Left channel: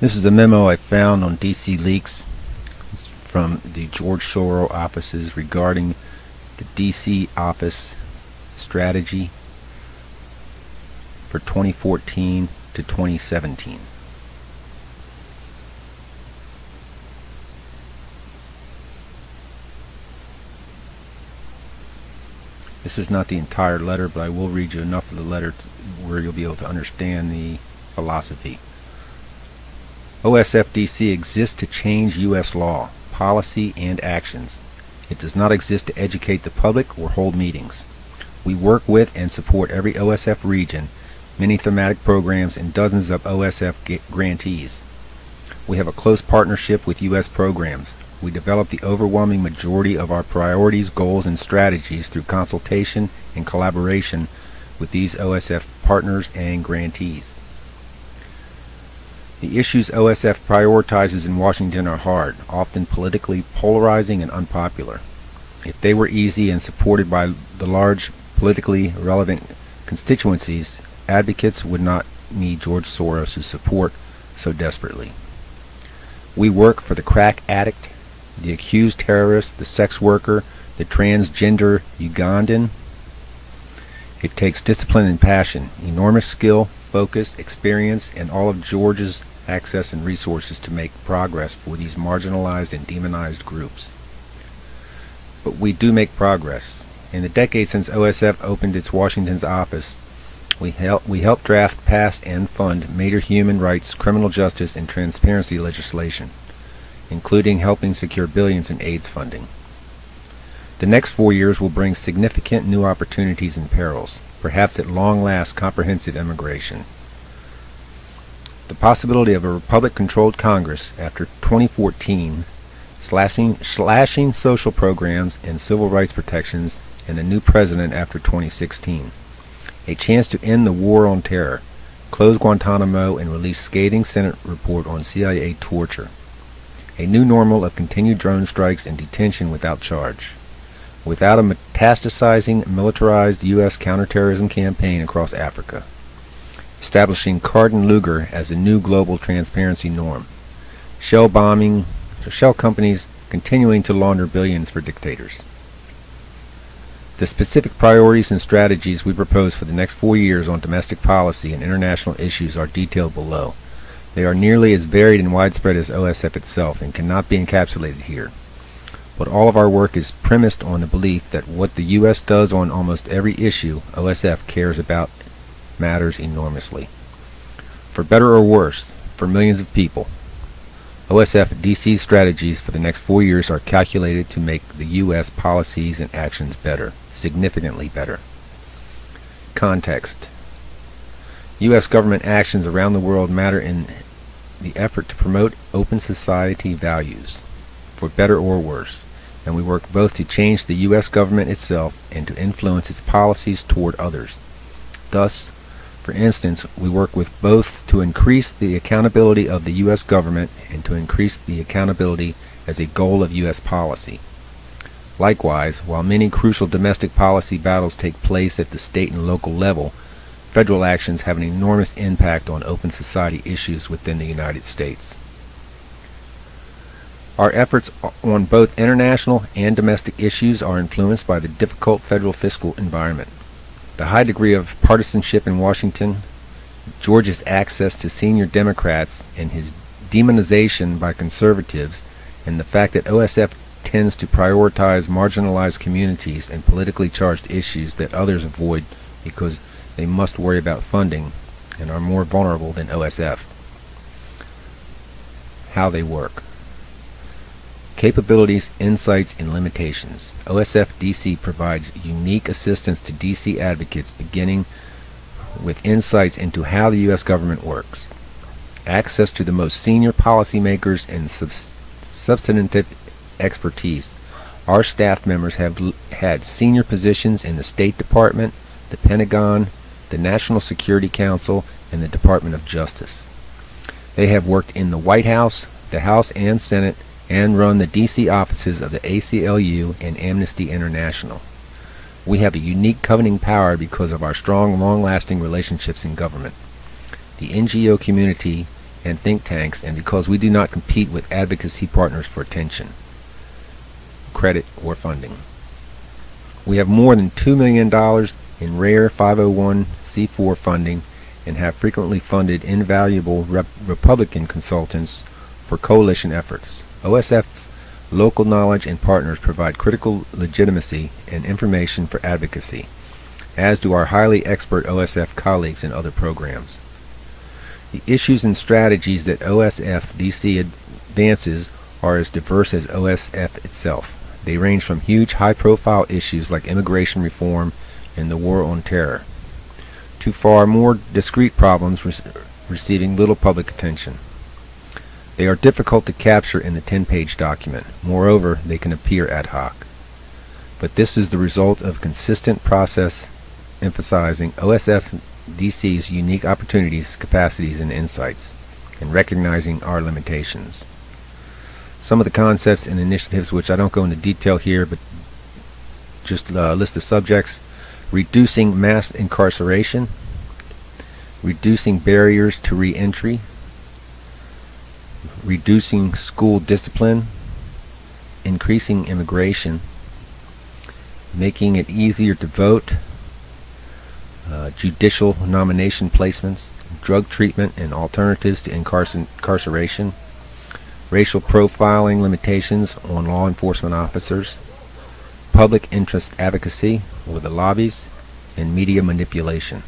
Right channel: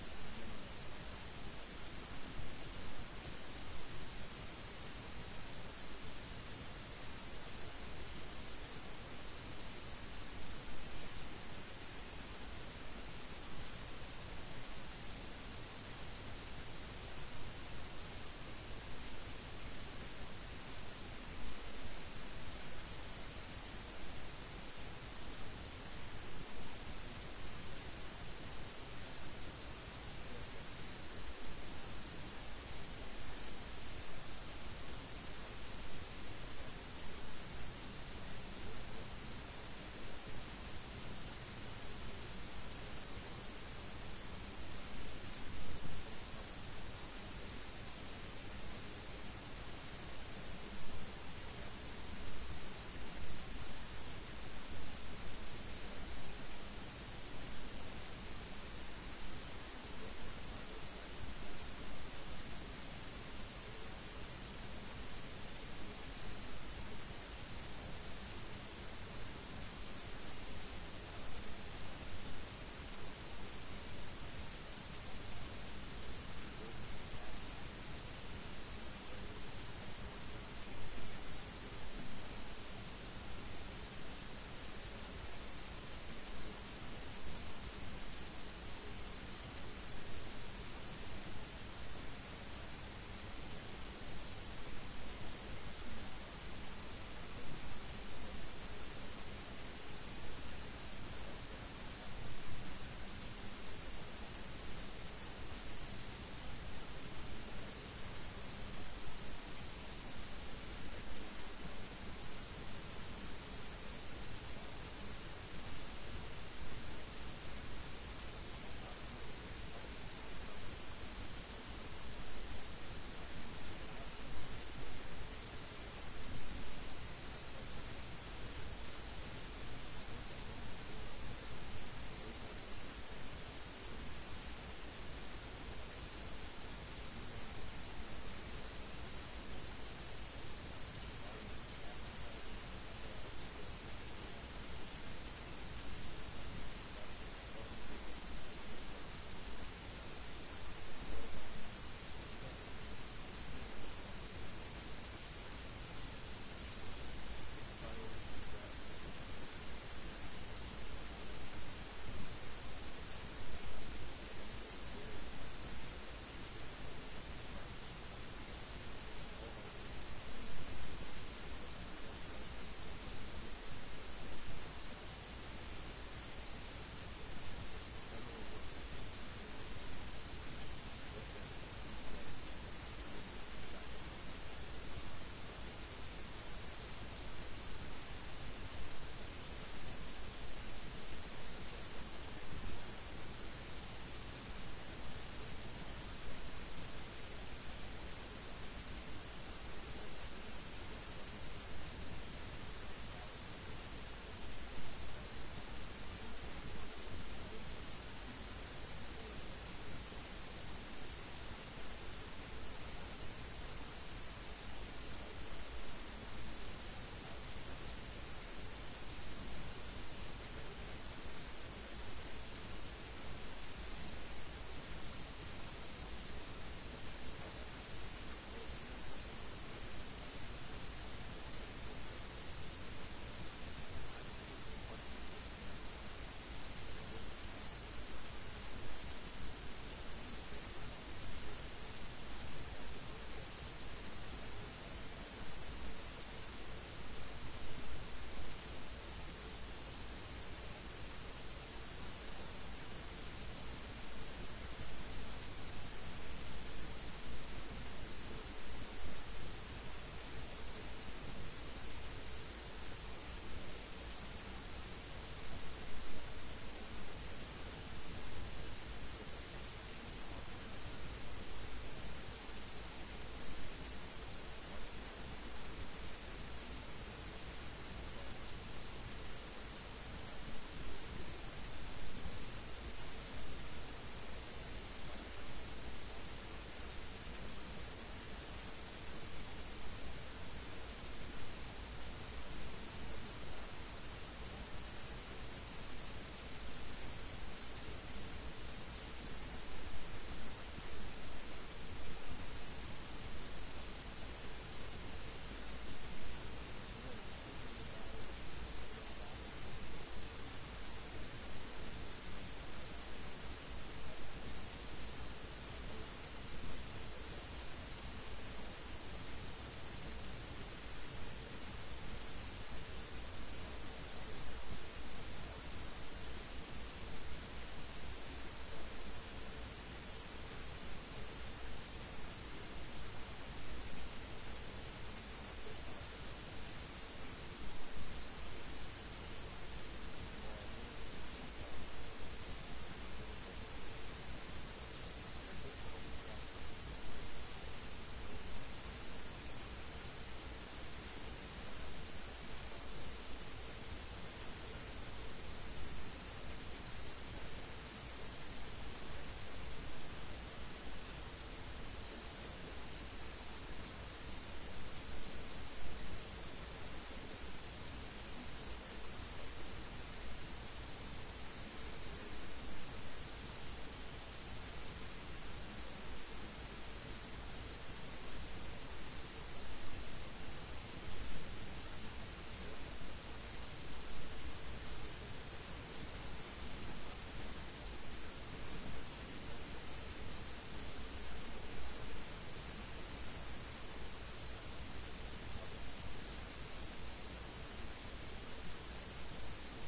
This is a memo I found on DC Leaks from the George Soros offices regarding the DC office strategy for 2014 to 2017. This is not the entire letter, but I will read you enough of the letter where you'll be able to understand the philosophy. OSFDC exists to change U.S. law, policy, and actions. It does not exist to educate the public or hold meetings. We work with and support every OSF region, many thematic programs, and dozens of OSF grantees. We have a close partnership with U.S. programs. We develop the overwhelming majority of our priorities, goals, and strategies through consultation and collaboration with these OSF partners and grantees. The issues OSF prioritizes in Washington are hard, often politically polarizing and unpopular. If they were easy and supported by the large politically relevant constituencies, advocates would not need George Soros' support so desperately. We work for the crack addict, the accused terrorist, the sex worker, the transgender Ugandan. It takes discipline and passion, enormous skill, focus, experience, and all of George's access and resources to make progress for these marginalized and demonized groups. But we do make progress. In the decade since OSF opened its Washington's office, we helped draft, pass, and fund major human rights, criminal justice, and transparency legislation, including helping secure billions in AIDS funding. The next 4 years will bring significant new opportunities and perils, perhaps at long last comprehensive immigration. The possibility of a Republican-controlled Congress after 2014, slashing social programs and civil rights protections, and a new president after 2016. A chance to end the war on terror, close Guantanamo, and release scathing Senate report on CIA torture. A new normal of continued drone strikes and detention without charge. Without a metastasizing, militarized U.S. counterterrorism campaign across Africa. Establishing Cardin Luger as a new global transparency norm. Shell companies continuing to launder billions for dictators. The specific priorities and strategies we propose for the next 4 years on domestic policy and international issues are detailed below. They are nearly as varied and widespread as OSF itself and cannot be encapsulated here. But all of our work is premised on the belief that what the U.S. does on almost every issue OSF cares about matters enormously. For better or worse, for millions of people, OSF DC strategies for the next 4 years are calculated to make the U.S. policies and actions better, significantly better. Context. U.S. government actions around the world matter in the effort to promote open society values, for better or worse, and we work both to change the U.S. government itself and to influence its policies toward others. Thus, for instance, we work with both to increase the accountability of the U.S. government and to increase the accountability as a goal of U.S. policy. Likewise, while many crucial domestic policy battles take place at the state and local level, federal actions have an enormous impact on open society issues within the United States. Our efforts on both international and domestic issues are influenced by the difficult federal fiscal environment. The high degree of partisanship in Washington, George's access to senior Democrats and his demonization by conservatives, and the fact that OSF tends to prioritize marginalized communities and politically charged issues that others avoid because they must worry about funding and are more vulnerable than OSF. How they work. Capabilities, insights, and limitations. OSF DC provides unique assistance to DC advocates beginning with insights into how the U.S. government works, access to the most senior policymakers and substantive expertise. Our staff members have had senior positions in the State Department, the Pentagon, the National Security Council, and the Department of Justice. They have worked in the White House, the House and Senate, and run the D.C. offices of the ACLU and Amnesty International. We have a unique governing power because of our strong, long-lasting relationships in government. The NGO community and think tanks, and because we do not compete with advocacy partners for attention, credit, or funding. We have more than $2 million in rare 501c4 funding and have frequently funded invaluable Republican consultants for coalition efforts. OSF's local knowledge and partners provide critical legitimacy and information for advocacy, as do our highly expert OSF colleagues in other programs. The issues and strategies that OSF DC advances are as diverse as OSF itself. They range from huge high-profile issues like immigration reform and the war on terror, to far more discrete problems receiving little public attention. They are difficult to capture in the 10-page document. Moreover, they can appear ad hoc. But this is the result of a consistent process emphasizing OSF DC's unique opportunities, capacities, and insights, and recognizing our limitations. Some of the concepts and initiatives, which I don't go into detail here, but just list the subjects: reducing mass incarceration, reducing barriers to re-entry, reducing school discipline, increasing immigration, making it easier to vote, judicial nomination placements, drug treatment and alternatives to incarceration, racial profiling limitations on law enforcement officers, public interest advocacy or the lobbies, and media manipulation.